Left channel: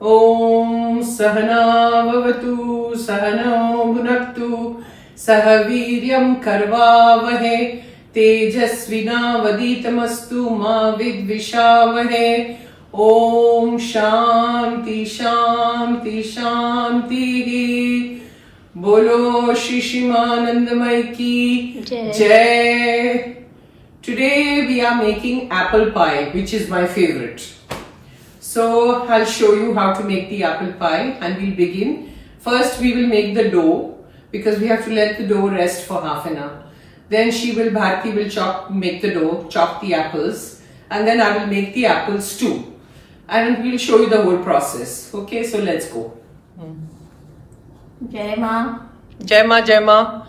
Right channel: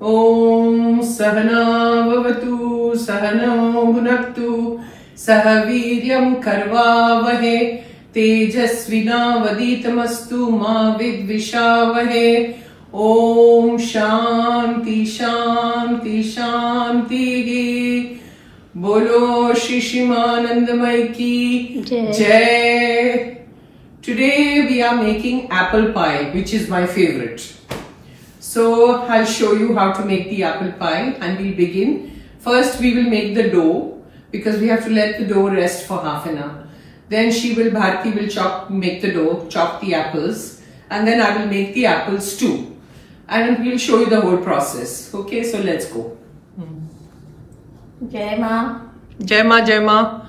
Om Sahana Bhavatu Sahano Bhunaktu Sah Viryam Karvavahe Tejasvinavaditamastu Ma Vidvishavahe. Om Shanti Shanti Shanti. Bolo Shishimanandamai ki Jai. Today we are making apple pie, which is my favorite. So I'll show you how to make the apple pie, and we'll begin. First we will make the dough, because we have to let the dough rest for half an hour. Then Bharti will make the dough, chop the apples, and then I will make the apples too. And we'll show you the whole process. Okay, so let's go. Jai Ma. Jai Ma, Jai Ma.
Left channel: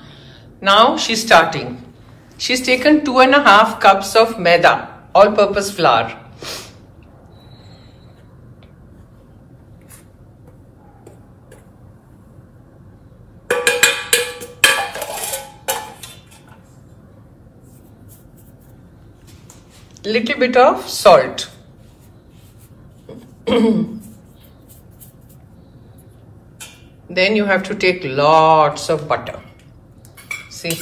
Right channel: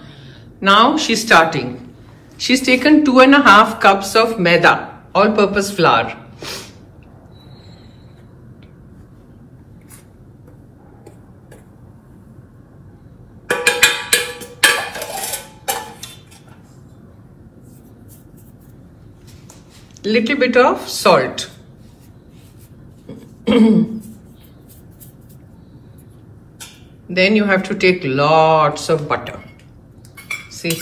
Now she's starting. She's taken 2.5 cups of maida, all-purpose flour. Little bit of salt. Then you have to take lots of butter. See,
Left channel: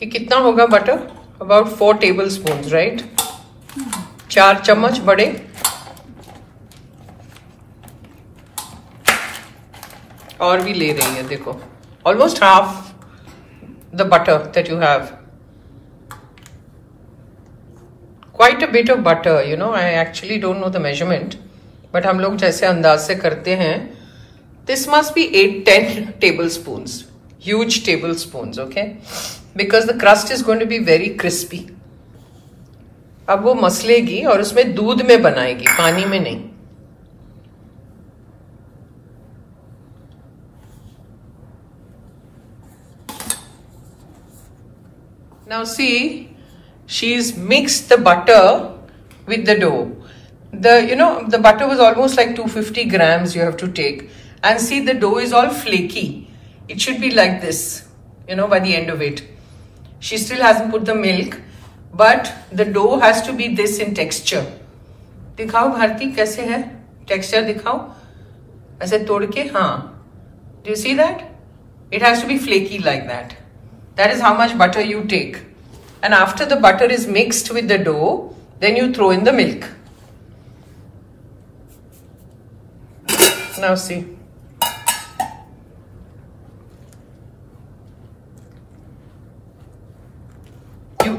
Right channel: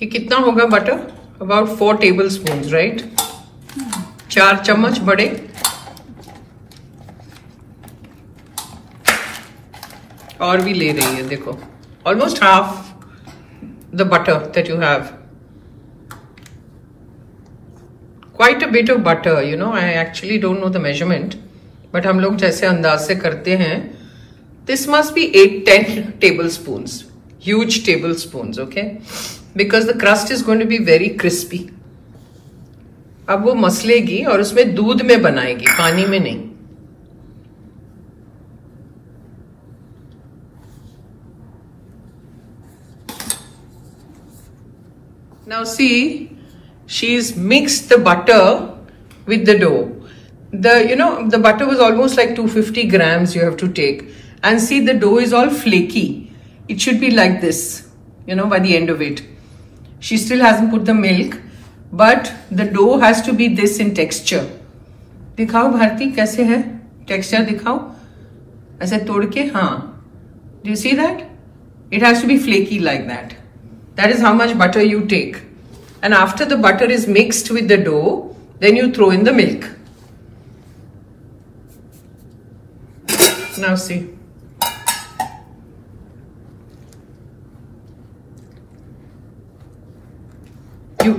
ये कितना होगा butter? About 4 tablespoons, right? 4 चम्मच बड़े. और भी ले रही है, देखो. Almost half the butter that you have. Quite a bit of butter, you know. I actually don't know the measurement, but हम लोग जैसे अंदाज से करते हैं. This must be 8-10 tablespoons. Huge tablespoons, okay? Because the crust is going to be very crispy. अब वो मसलेगी और उसमें दूध में बनाएगी, पानी में नहीं. Now see, she's mixed the butter with the dough. The butter was almost like 250 grams you have to take. And see, the dough is all flaky. It should be like this, by the end of it. She still hasn't put the milk, but the dough has to be this in texture. दिखाओ भारती कैसे है? Texture दिखाओ. ऐसे तोड़ के, हाँ. Do you see that? It has to be flaky like that. That is how much butter you take. And after the butter is mixed with the dough, then you throw in the milk. Now see.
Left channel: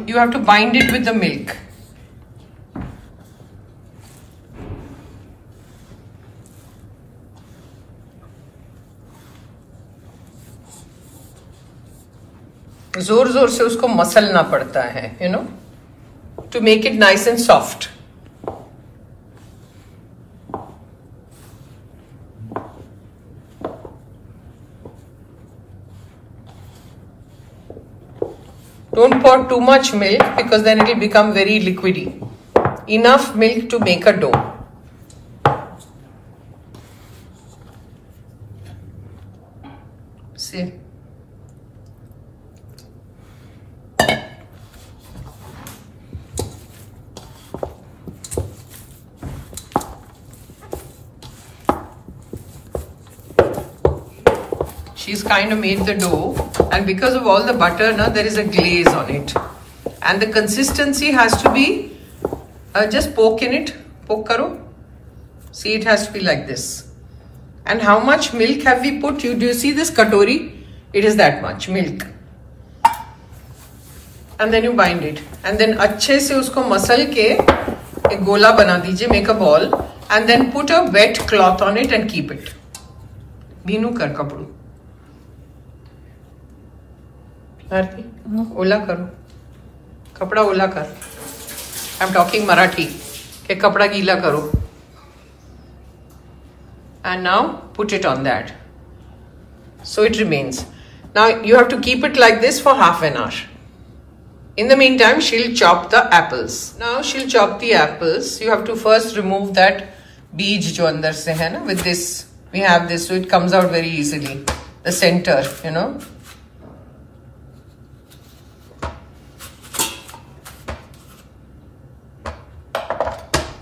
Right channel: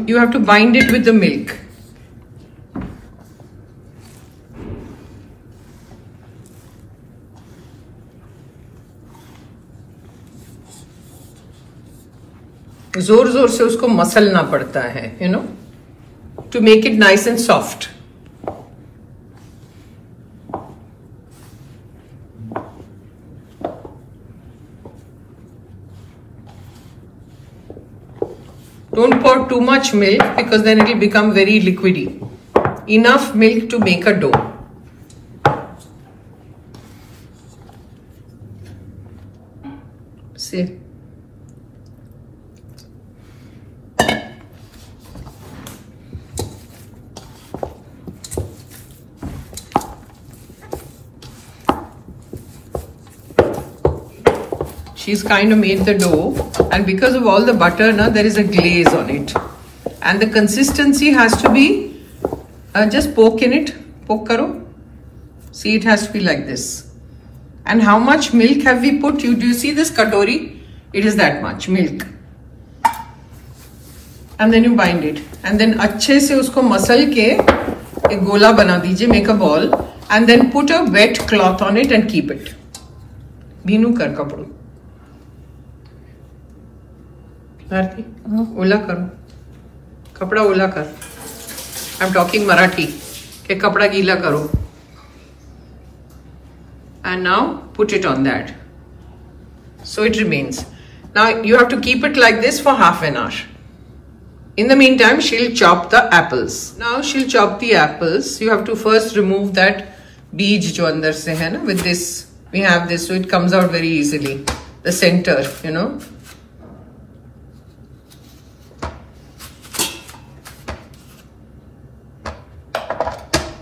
You have to bind it with the milk. जोर जोर से उसको मसलना पड़ता है, to make it nice and soft. Don't pour too much milk, because then it will become very liquidy. Enough milk to make a dough. See. She's kind of made the dough, and because of all the butter, there is a glaze on it. And the consistency has to be, just poke in it, poke karo. See, it has to be like this. And how much milk have we put? Do you see this katori? It is that much milk. And then you bind it. And then अच्छे से उसको muscle के एक गोला बना दीजिए, make a ball. And then put a wet cloth on it and keep it. भीनू कर कपड़ू. भारती, ओला करो. कपड़ा ओला कर. I'm talking Marathi. के कपड़ा गीला करो. And now put it on that. So it remains. Now you have to keep it like this for half an hour. In the meantime, she'll chop the apples. Now she'll chop the apples. You have to first remove that beej jo andar se hai na. With this, we have this, so it comes out very easily. The center,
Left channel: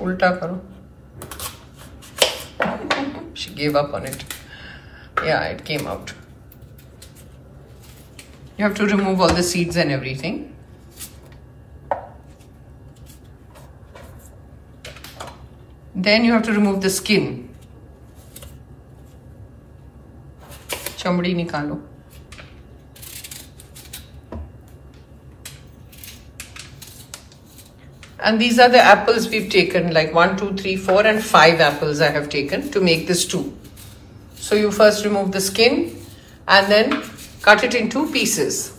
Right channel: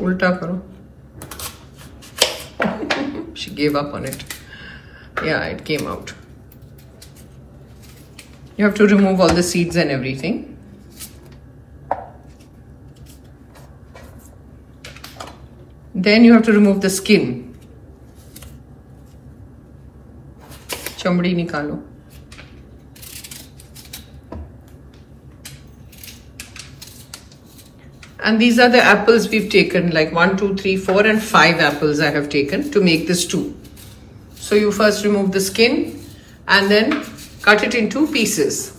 उल्टा करो. just gave up on it. Yeah, it came out. You have to remove all the seeds and everything. Then you have to remove the skin. Chambadi nikalo. And these are the apples we've taken, like 1, 2, 3, 4 and 5 apples I have taken to make this stew. So you first remove the skin and then cut it into pieces.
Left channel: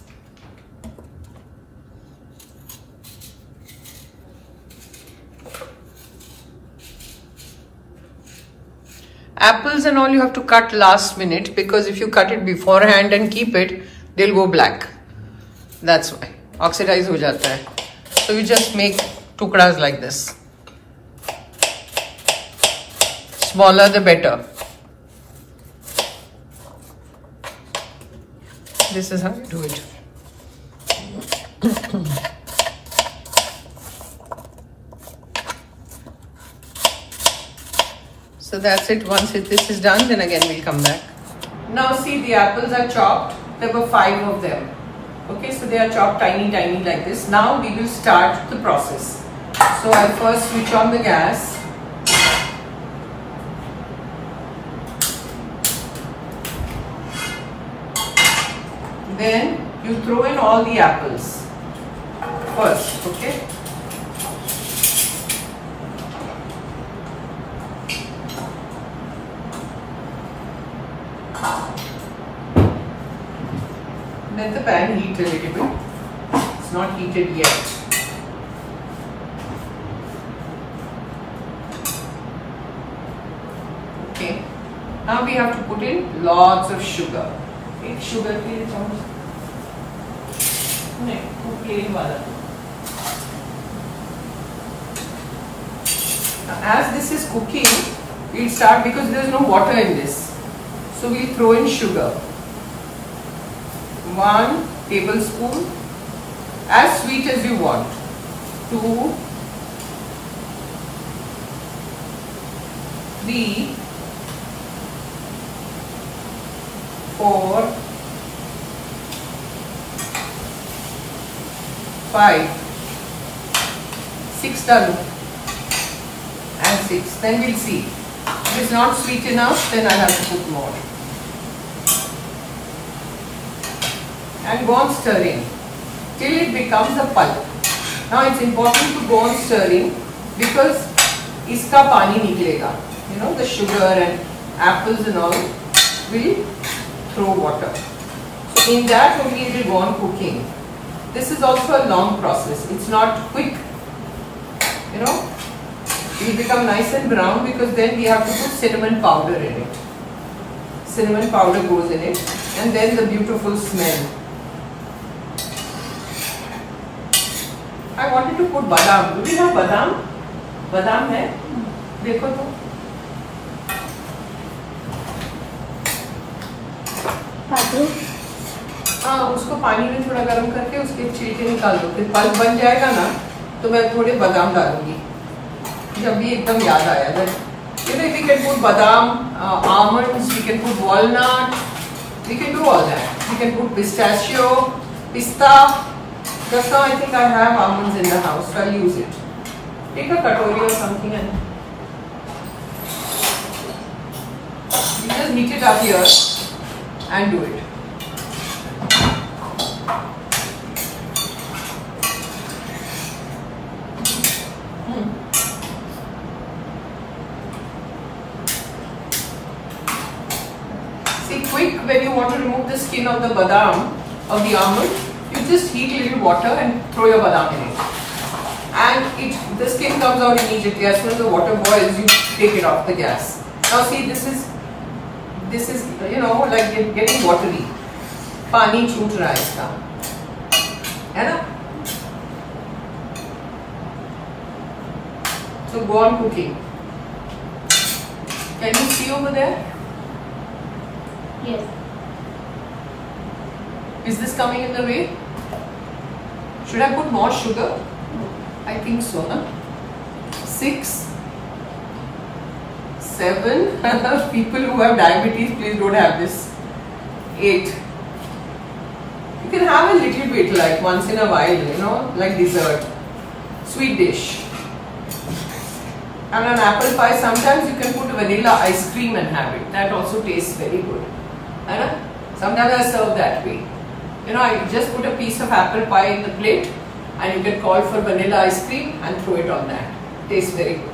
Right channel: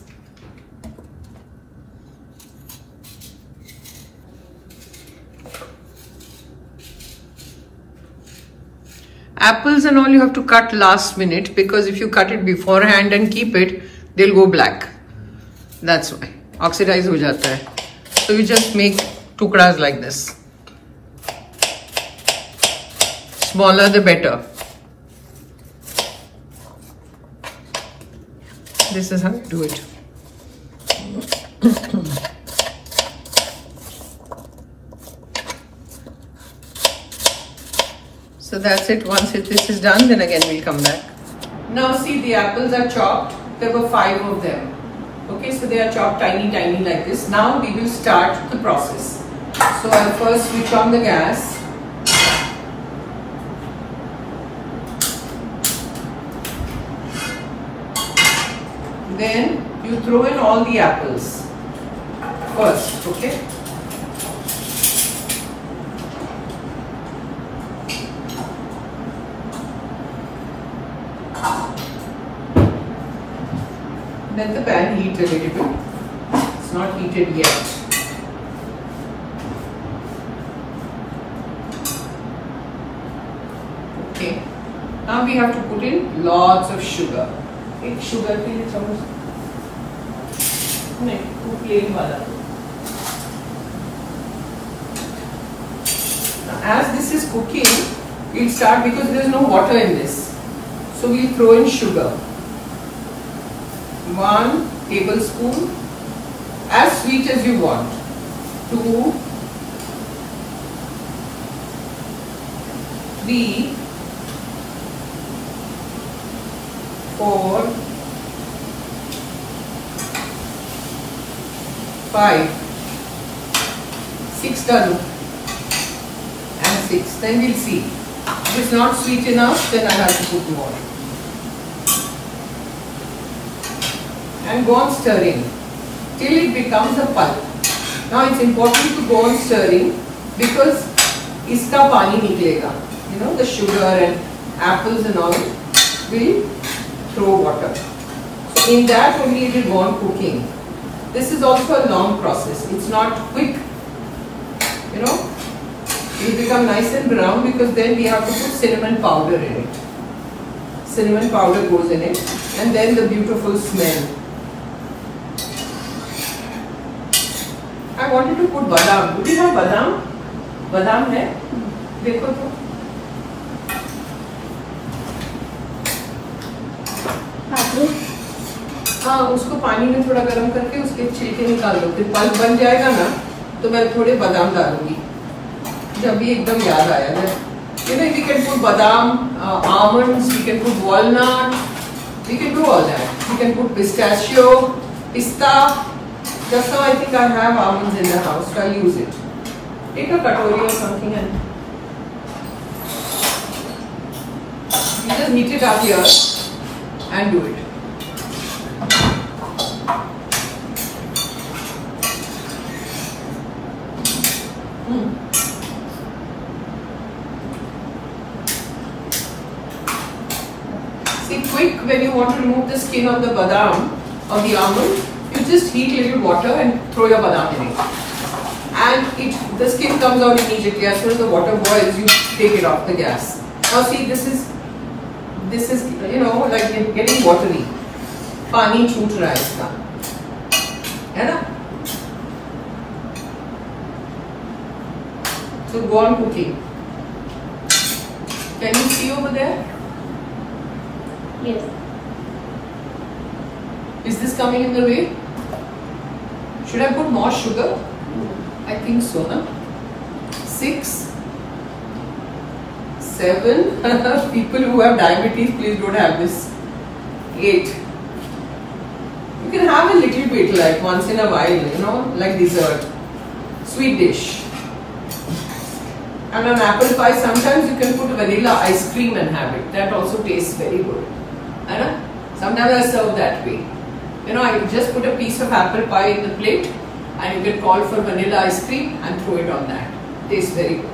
Apples and all you have to cut last minute, because if you cut it beforehand and keep it, they'll go black. That's why. Oxidize ho jata hai. So you just make tukras like this. Smaller the better. This is how you do it. So that's it. Once this is done, then again we'll come back. Now see, the apples are chopped. There were 5 of them. Okay, so they are chopped tiny like this. Now we will start the process. So I'll first switch on the gas. Then you throw in all the apples first, okay? Let the pan heat a little bit. It's not heated yet. Okay. Now we have to put in lots of sugar. एक sugar के लिए चम्मच नहीं, वो plain वाला. As this is cooking, we'll start, because there is no water in this. So we'll throw in sugar. 1 tablespoon, as sweet as you want. 2, 3, 4, 5, 6 done, and 6. Then we'll see. If it's not sweet enough, then I have to put more. And go on stirring till it becomes a pulp. Now it's important to go on stirring, because iska pani niklega. You know, the sugar and apples and all will throw water. So in that only it will go on cooking. This is also a long process. It's not quick. You know, it will become nice and brown, because then we have to put cinnamon powder in it. Cinnamon powder goes in it, and then the beautiful smell. I wanted to put badam. Do we have badam? Badam है? देखो तो. हाँ, उसको पानी में थोड़ा गर्म करके उसके छिलके निकाल दो. फिर पल्प बन जाएगा ना, तो मैं थोड़े बादाम डालूंगी. जब भी एकदम याद आया. You know, we can put badam, almonds, we can put walnut, we can do all that. We can put pistachio, pista. Just now I think I have almonds in the house, so I'll use it. Take a katori or something and just heat it up here and do it. See, quick, when you want to remove the skin of the badam or the almond, you just heat a little water and throw your badam in it. And the skin comes out immediately. As soon as the water boils, you take it off the gas. Now see, this is you know, like getting watery. Pani choot raha hai iska. Hai na? So go on cooking. Can you see over there? Yes. Is this coming in the way? Should I put more sugar? No. I think so, na? 6, 7. People who have diabetes, please don't have this. 8. You can have a little bit, like once in a while, you know, like dessert. Sweet dish. And an apple pie, sometimes you can put vanilla ice cream and have it. That also tastes very good. I know? Sometimes I serve that way. You know, I just put a piece of apple pie in the plate and you can call for vanilla ice cream and throw it on that. Tastes very good.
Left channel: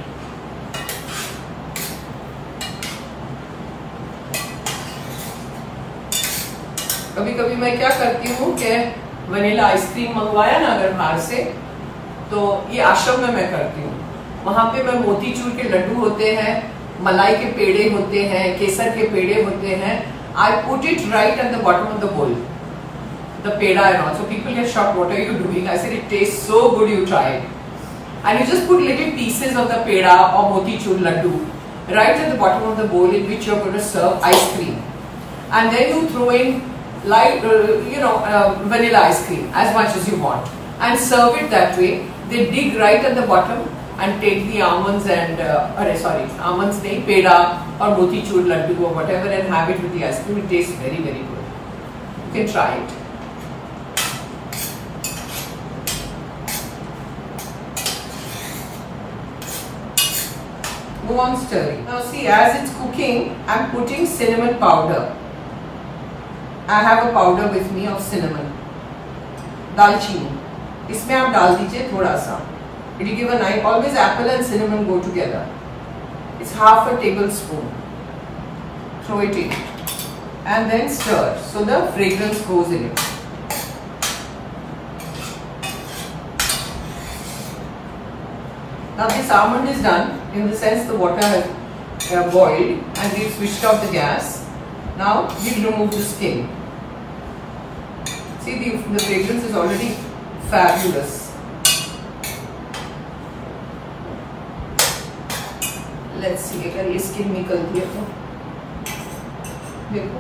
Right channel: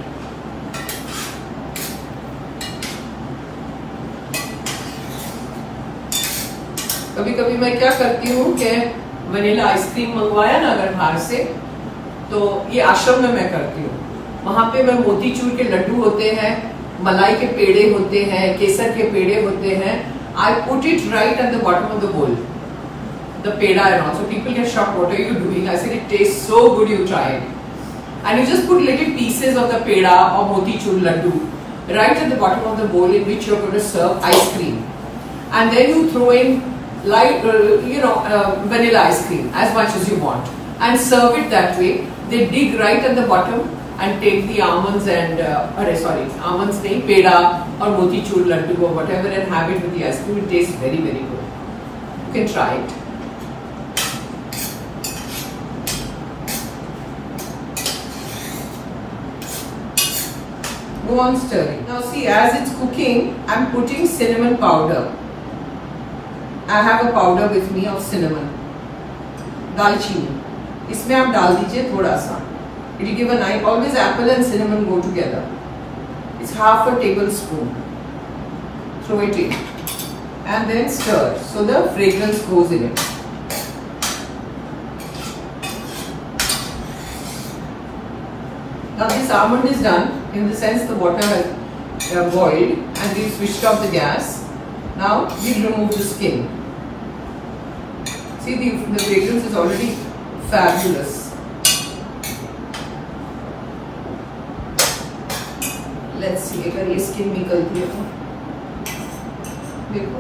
कभी कभी मैं क्या करती हूँ कि vanilla ice cream मंगवाया ना अगर बाहर से, तो ये आश्रम में मैं करती हूँ. वहां पे मैं मोतीचूर के लड्डू होते हैं, मलाई के पेड़े होते हैं, केसर के पेड़े होते हैं. I put it right at the bottom of the bowl, the peda and all. So people get shocked, what are you doing? I said, it tastes so good, you try it. And you just put little pieces of the peda or motichur laddu right at the bottom of the bowl in which you're going to serve ice cream. And then you throw in light, vanilla ice cream as much as you want and serve it that way. They dig right at the bottom and take the almonds and almonds nahi, peda or motichur laddu or whatever and have it with the ice cream. It tastes very, very good. You can try it. Go on stirring. Now see, as it's cooking, I'm putting cinnamon powder. I have a powder with me of cinnamon. दालचीनी. इसमें आप डाल दीजिए थोड़ा सा. It will give a nice. Always apple and cinnamon go together. It's half a tablespoon. Throw it in and then stir so the fragrance goes in it. Now this almond is done, in the sense the water has boiled and we've switched off the gas. Now we'll remove the skin. See, the fragrance is already fabulous. Let's see, अगर ये skin निकलती है तो देखो,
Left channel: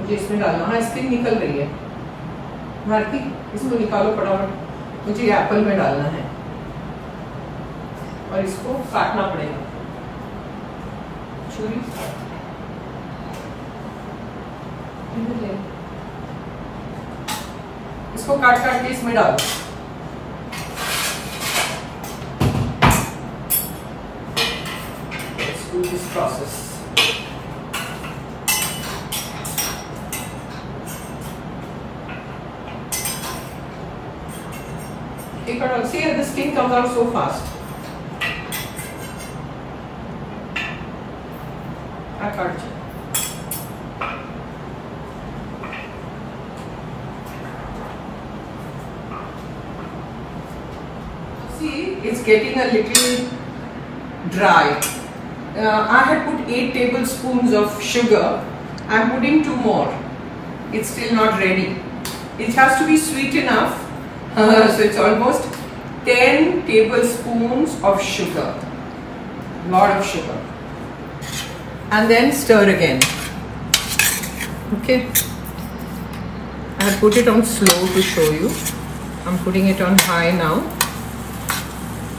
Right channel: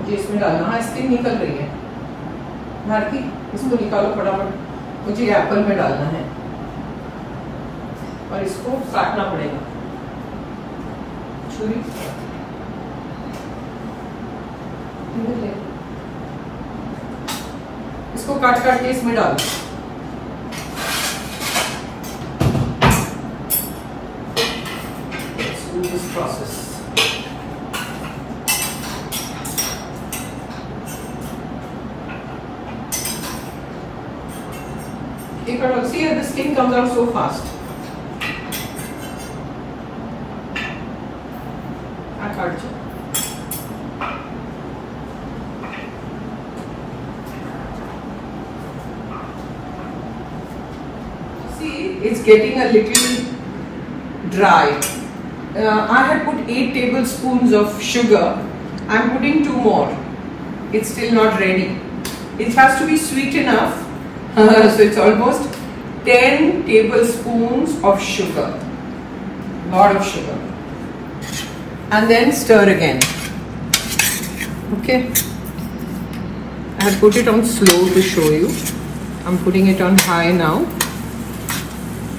मुझे इसमें डालना. हाँ, स्किन निकल रही है. भारती, इसको निकालो फटाफट. मुझे एप्पल में डालना है और इसको काटना पड़ेगा. छुरी इसको काट के इसमें डालो. Let's do this process. See, the skin comes out so fast. See, it's getting a little dry. I had put 8 tablespoons of sugar. I'm putting 2 more. It's still not ready. It has to be sweet enough. So it's almost 10 tablespoons of sugar. Lot of sugar. And then stir again. Okay. I'll put it on slow to show you. I'm putting it on high now.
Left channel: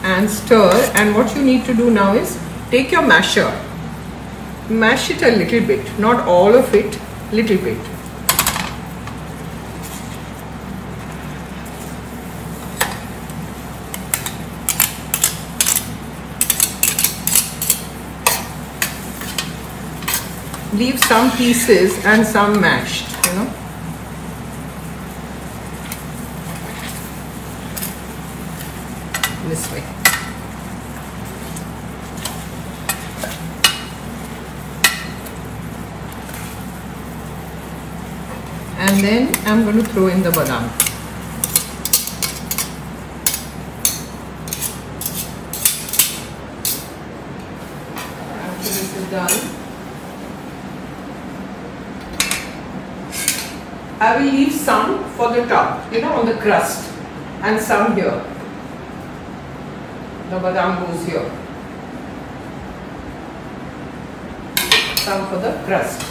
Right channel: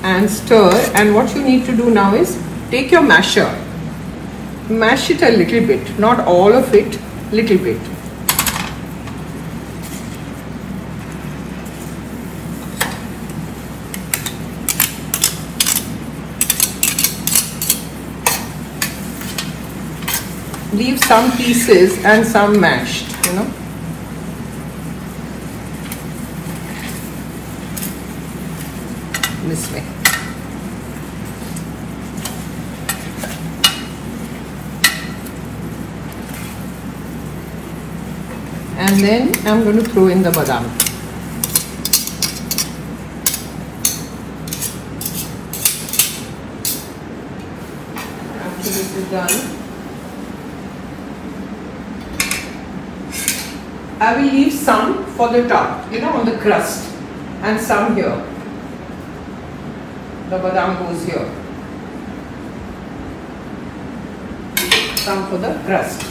And stir. And what you need to do now is take your masher. Mash it a little bit. Not all of it. Little bit. Leave some pieces and some mashed, you know. This way. And then I'm going to throw in the badam. After this is done, I will leave some for the top, you know, on the crust, and some here. The badam goes here. Some for the crust.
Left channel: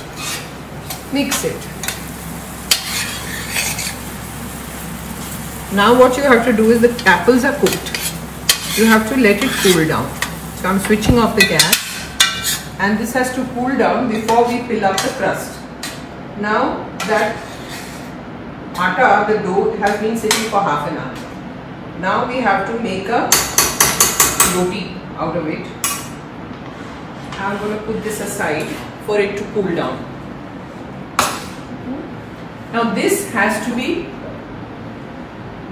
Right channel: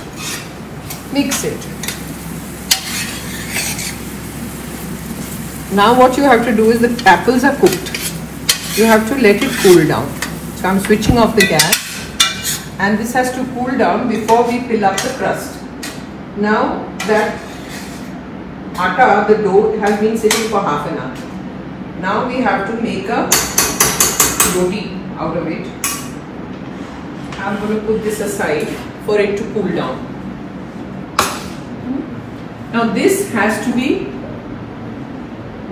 Mix it. Now what you have to do is, the apples are cooked. you have to let it cool down. So I'm switching off the gas, and this has to cool down before we fill up the crust. Now that atta, the dough, has been sitting for half an hour. Now we have to make a roti out of it. I'm going to put this aside for it to cool down. Now this has to be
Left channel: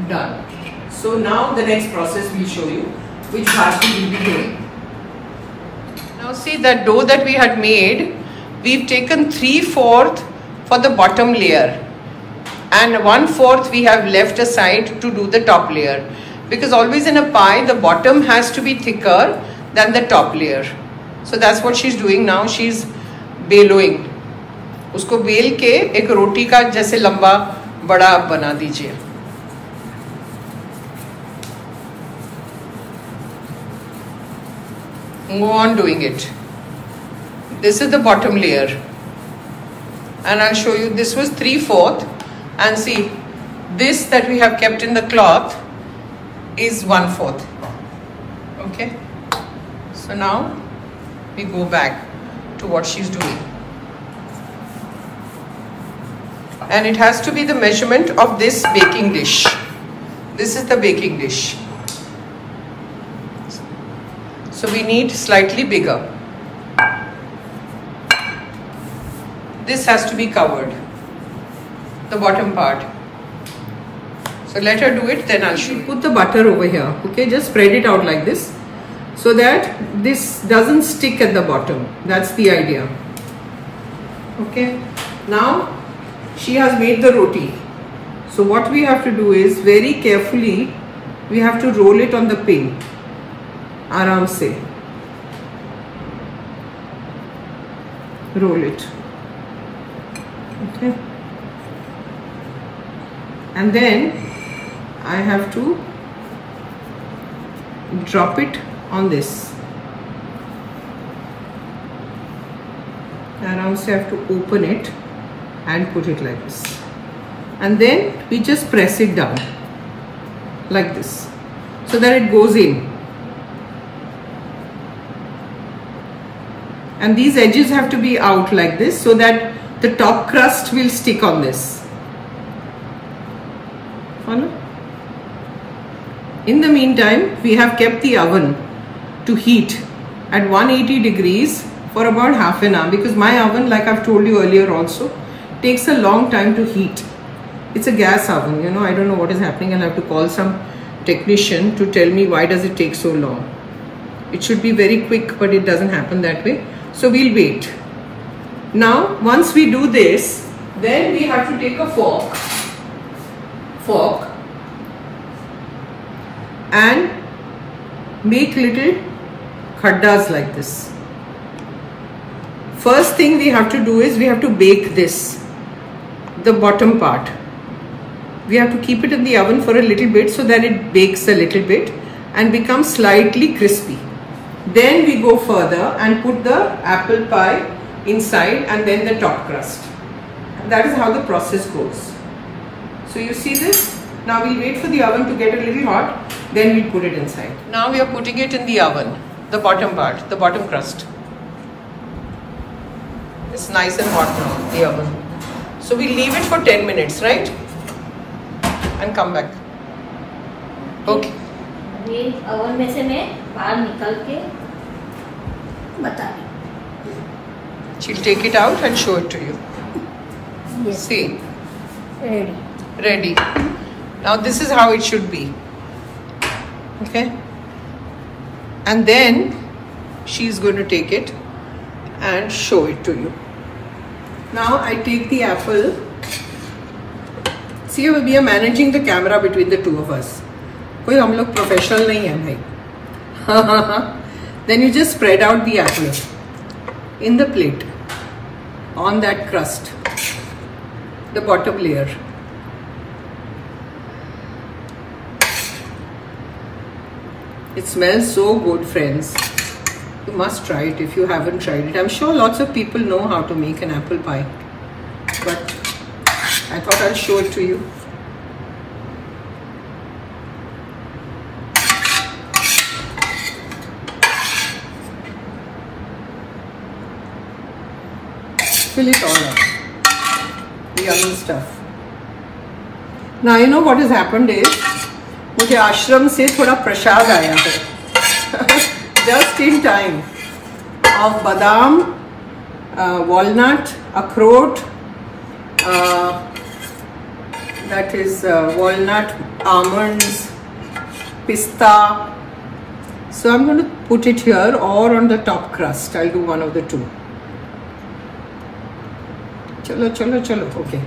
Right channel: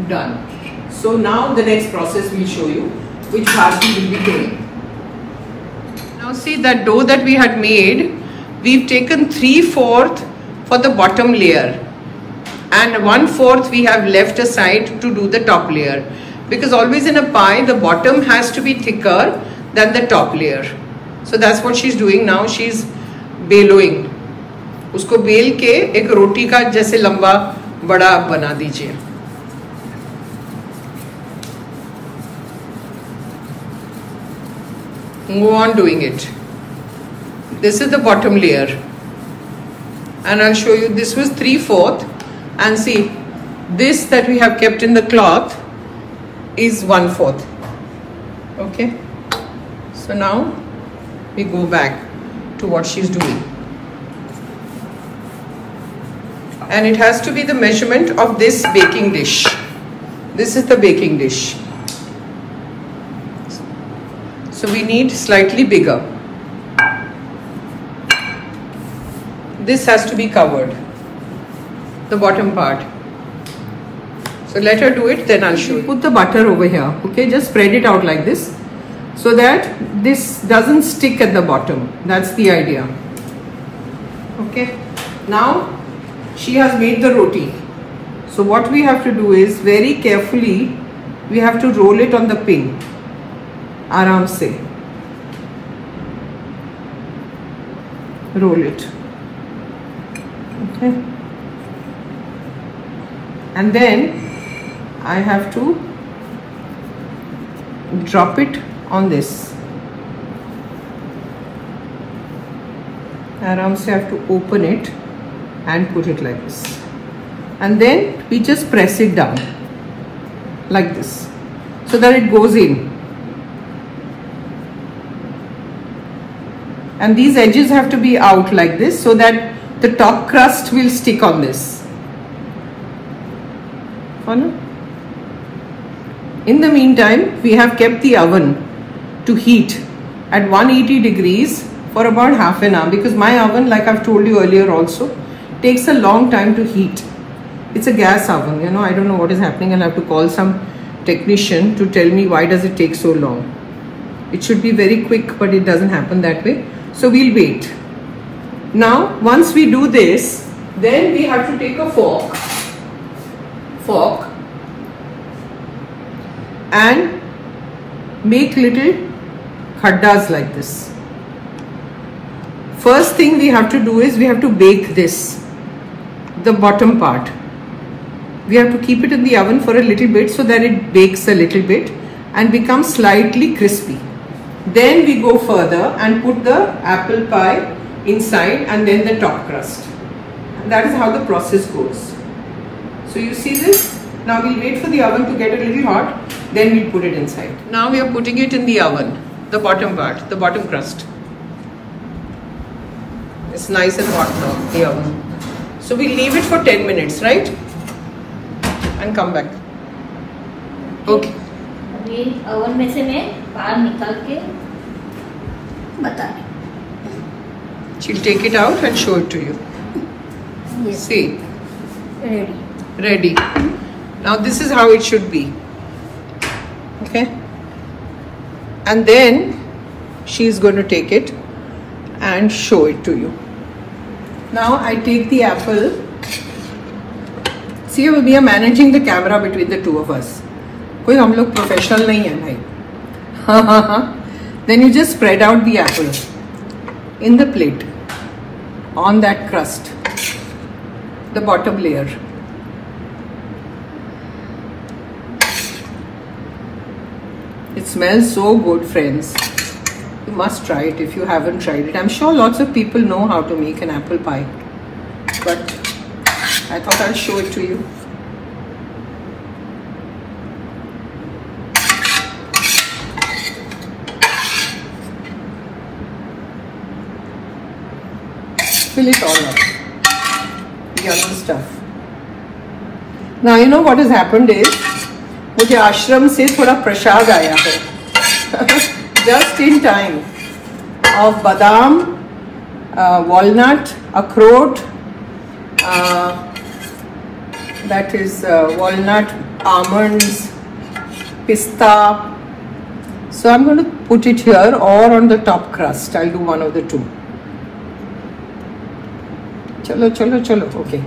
done. So now the next process we'll show you which bharti will be doing. Now see that dough that we had made, we've taken 3/4 for the bottom layer and 1/4 we have left aside to do the top layer, because always in a pie the bottom has to be thicker than the top layer. So that's what she's doing now. She's बेलोइंग, उसको bell के एक रोटी का जैसे लंबा बड़ा बना दीजिए. Go on doing it. This is the bottom layer, and I'll show you. This was 3/4, and see this that we have kept in the cloth is 1/4. Okay, so now we go back to what she's doing, and it has to be the measurement of this baking dish. This is the baking dish, so we need slightly bigger. This has to be covered, the bottom part. So let her do it, then I'll show you. Put the butter over here, okay? Just spread it out like this so that this doesn't stick at the bottom. That's the idea. Okay, now she has made the roti. So what we have to do is very carefully we have to roll it on the pin. Aram se roll it. Okay, and then I have to drop it on this. Aram se I have to open it and put it like this, and then we just press it down like this so that it goes in, and these edges have to be out like this so that the top crust will stick on this. In the meantime, we have kept the oven to heat at 180 degrees for about half an hour, because my oven, like I've told you earlier also, takes a long time to heat. It's a gas oven, you know. I don't know what is happening. I'll have to call some technician to tell me why does it take so long. It should be very quick, but it doesn't happen that way. So we'll wait. Now, once we do this, then we have to take a fork and make little khaddas like this. First thing we have to do is we have to bake this, the bottom part. We have to keep it in the oven for a little bit so that it bakes a little bit and becomes slightly crispy. Then we go further and put the apple pie inside and then the top crust. And that is how the process goes. So you see this? Now we'll wait for the oven to get a little hot, then we'll put it inside. Now we are putting it in the oven, the bottom part, the bottom crust. It's nice and hot now, the oven. So we'll leave it for 10 minutes, right? And come back. Okay. अभी oven में से मैं बाहर निकाल के बता रही. She'll take it out and show it to you. Yes. See. Ready. Ready. Now this is how it should be. Okay. And then she's going to take it and show it to you. Now I take the apple. See, we are managing the camera between the two of us. कोई हम लोग professional नहीं है भाई. Then you just spread out the apple in the plate on that crust, the bottom layer. It smells so good, friends. You must try it if you haven't tried it. I'm sure lots of people know how to make an apple pie, but I thought I'd show it to you. fill it all up. The yummy stuff. Now you know what has happened is, मुझे आश्रम से थोड़ा प्रसाद आया है. Just in time. Of badam, walnut, akhrot, that is walnut, almonds, pista. So I'm going to put it here or on the top crust. I'll do one of the two. Chalo, chalo, chalo. Okay.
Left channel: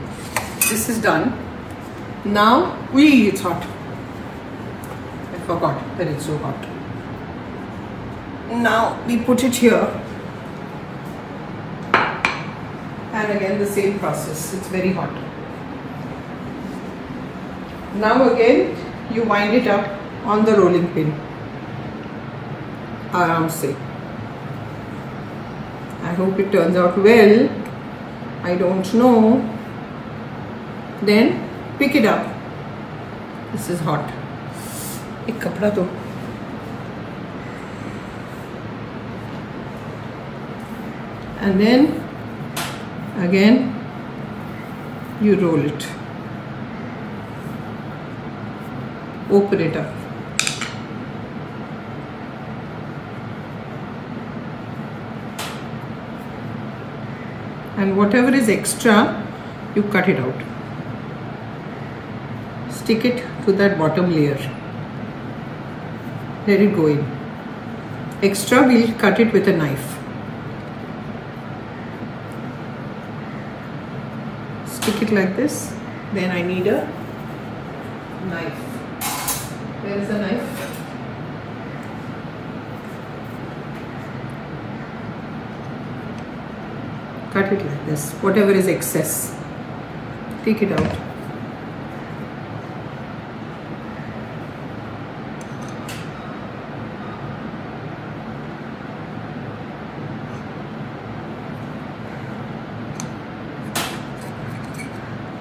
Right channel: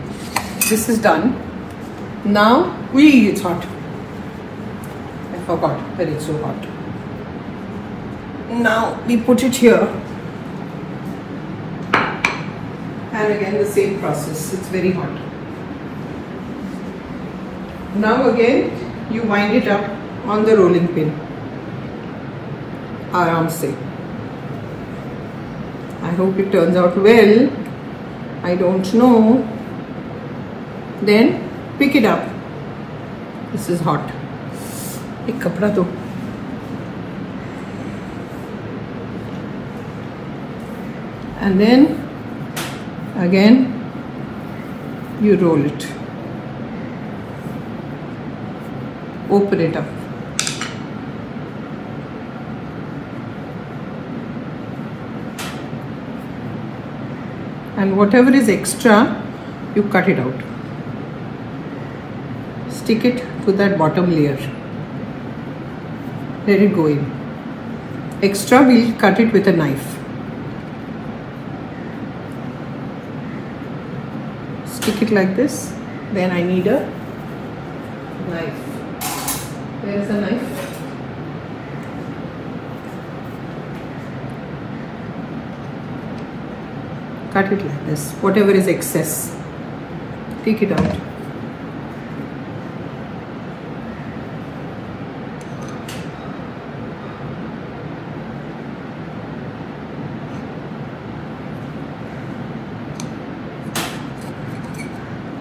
This is done. Now, it's hot. I forgot that it's so hot. Now we put it here. And again the same process. It's very hot. Now again you wind it up on the rolling pin. Aram se. I hope it turns out well. I don't know. Then pick it up. This is hot. Ek kapda do. And then again you roll it. Open it up. And whatever is extra, you cut it out. Stick it to that bottom layer. Let it go in. Extra, we'll cut it with a knife. Stick it like this. Then I need a knife. There's a knife. Cut it like this. Whatever is excess, take it out.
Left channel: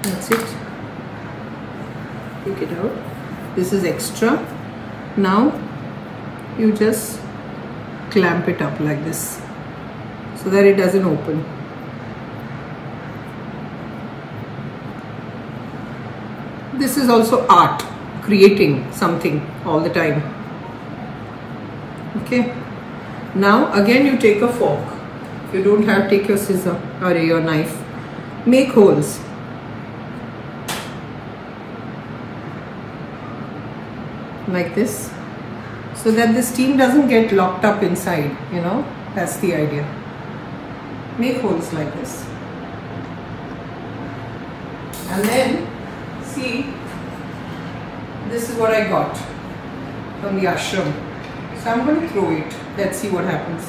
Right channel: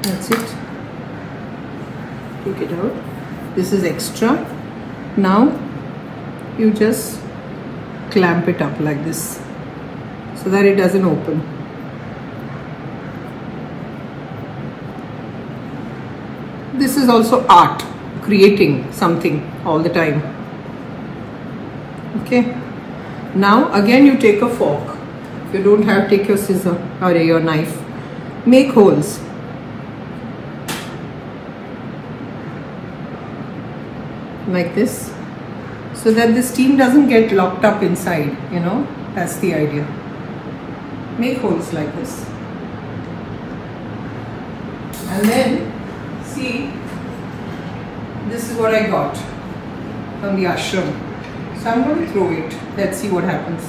That's it. Take it out. This is extra. Now you just clamp it up like this so that it doesn't open. This is also art, creating something all the time. Okay. Now again you take a fork. If you don't have, take your scissor or your knife. Make holes. Like this, so that the steam doesn't get locked up inside, you know, that's the idea. Make holes like this. And then, see, this is what I got from the ashram. So I'm going to throw it. Let's see what happens.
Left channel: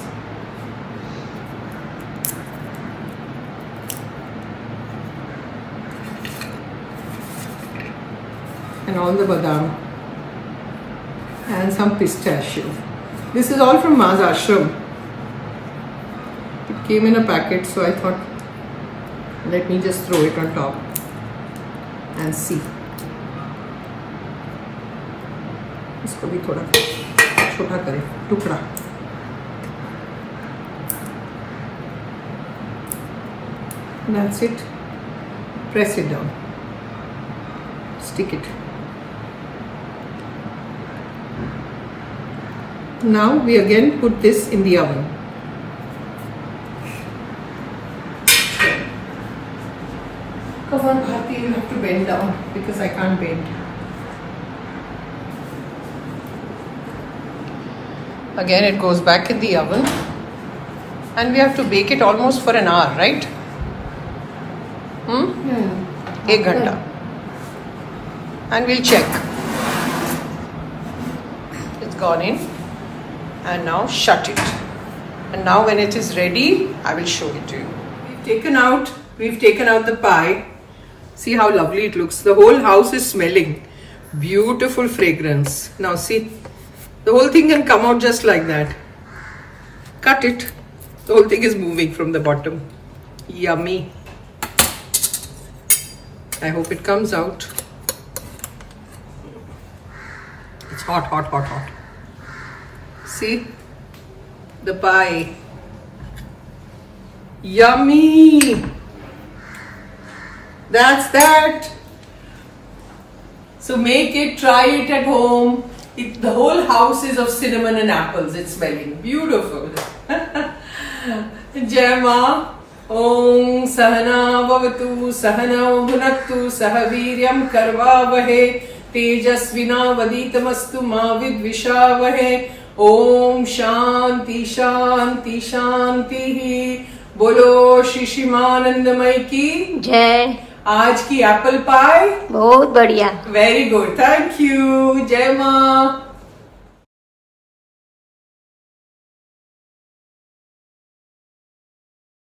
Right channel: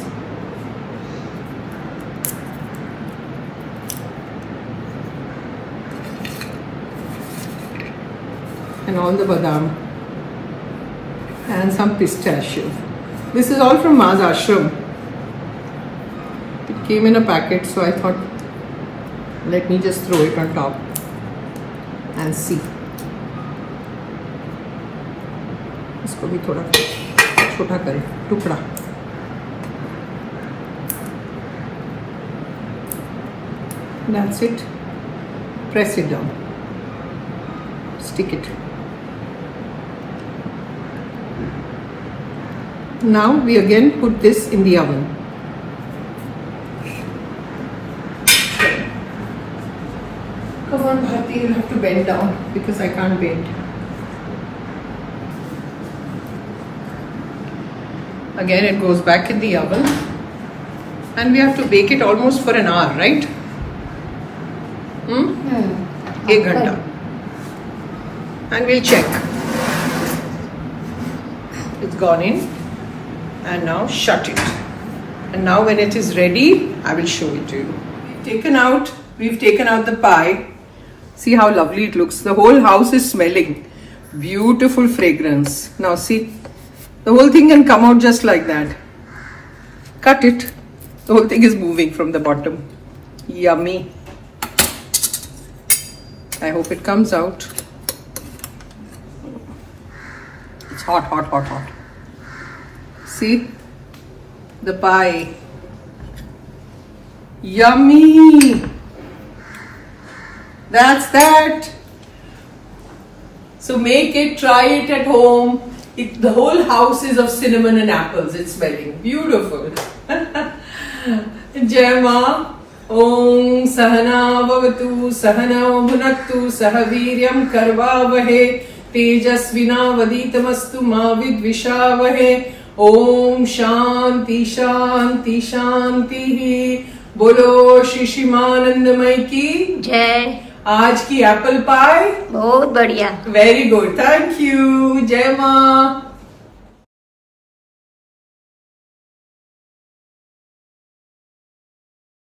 And all the badam. And some pistachio. This is all from Ma's ashram. It came in a packet, so I thought, let me just throw it on top and see. इसको भी थोड़ा छोटा करें, टुकड़ा. That's it. Press it down. Stick it. Now we again put this in the oven. Come on, Bharti, you'll have to bend down because I can't bend. Again, it goes back in the oven. And we have to bake it almost for an hour, right? 1 ghanta. And we'll check. It's gone in. And now shut it. And now when it is ready, I will show it to you. We've taken out the pie. See how lovely it looks. The whole house is smelling. Beautiful fragrance. Now see, the whole thing can come out just like that. Cut it. The whole thing is moving from the bottom. Yummy. I hope it comes out. It's hot, hot, hot, hot. See the pie. Yummy. That's that. So make it, try it at home. The whole house is of cinnamon and apples. It's smelling beautiful. Jai Ma. Om Sahana Bhavatu Sahana Bhunaktu Sahaviryam Karvavahe Tejasvina Vaditamastu Ma Vidvishavahe. Om Shanti Shanti Shanti. बोलो श्री शिमानंदमय की जय। आज की apple pie बहुत बढ़िया, very good, thank you. जय माँ।